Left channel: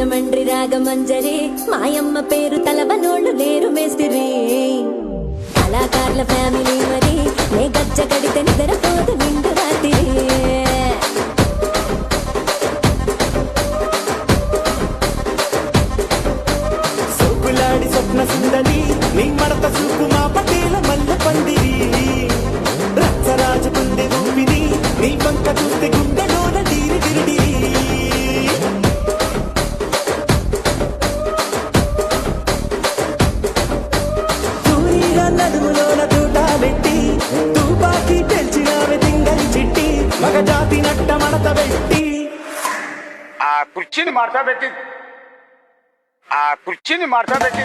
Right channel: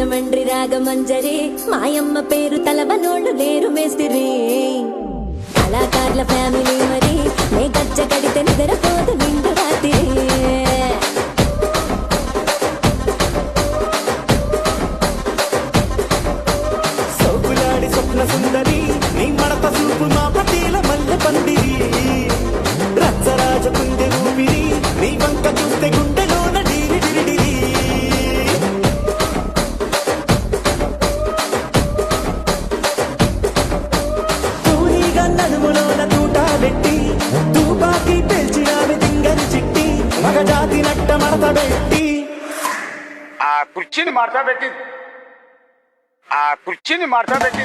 రాజమండ్రి రాగమంజరి మాయమ్మ పేరు తలవనోళ్ళు లేరు మేస్తిరి కళాకారుల ఫ్యామిలీ మరి నే గజ్జ కడితే నిద్రపోదు నిండు రాత్రి కుర్చీని మార్చబెట్టి కుర్చీని మార్చబెట్టి